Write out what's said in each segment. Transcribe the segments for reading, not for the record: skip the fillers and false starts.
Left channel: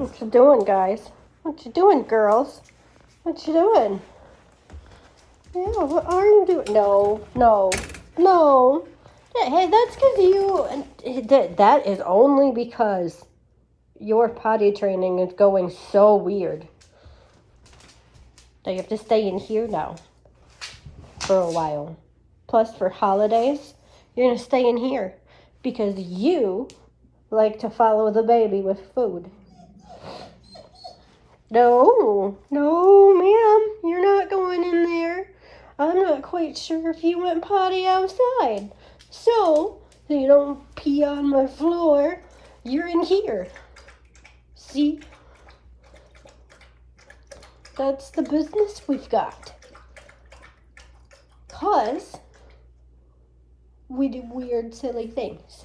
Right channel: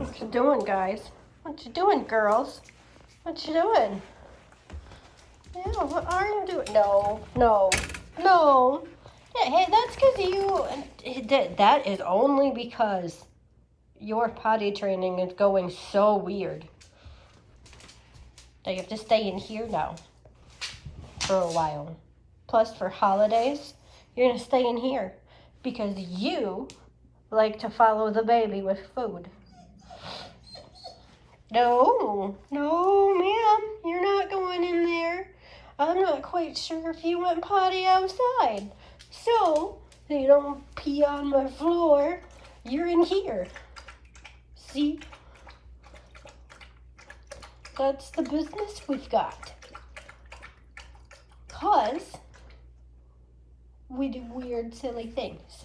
What you doing, guys? What you doing, girls? What you doing? Yeah, what are you doing? No, no, no. Yeah, hey, that's because that is only because your potty training is going so weird. So you have to stay in here now for a while. Plus, for holidays, you're going to stay in here because you like to follow the baby with food. No, no, ma'am, you're not going in there. I'm not quite sure if you went potty outside. So, you don't pee on my floor, you're in here. See? That's the business we've got. 'Cause we do weird, silly things.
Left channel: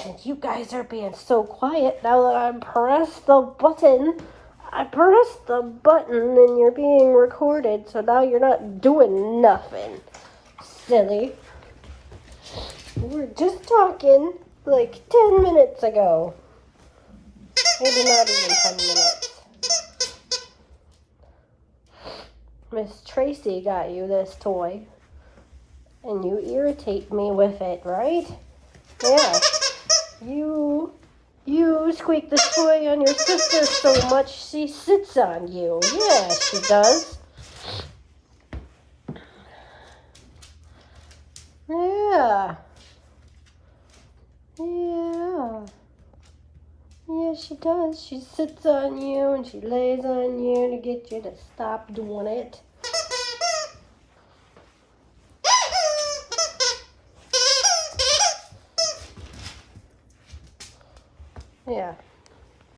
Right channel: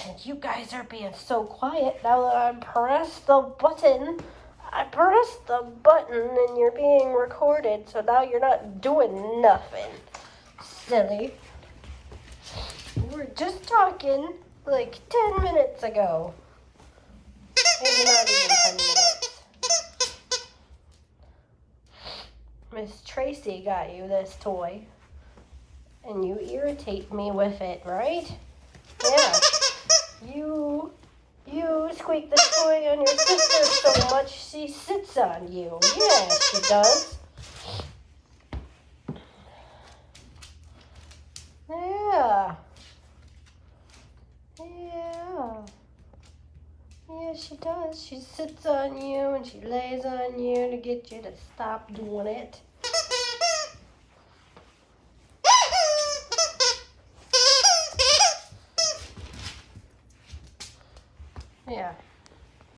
And you guys are being so quiet now that I pressed the button. I pressed the button and you're being recorded, so now you're not doing nothing. Silly. We were just talking like 10 minutes ago. Maybe not even 10 minutes. Miss Tracy got you this toy. And you irritate me with it, right? Yeah. You squeak the toy on your sister so much she sits on you. Yeah, she does. Yeah. Yeah. Yeah, she does. She sits on you and she lays on you to get you to stop doing it.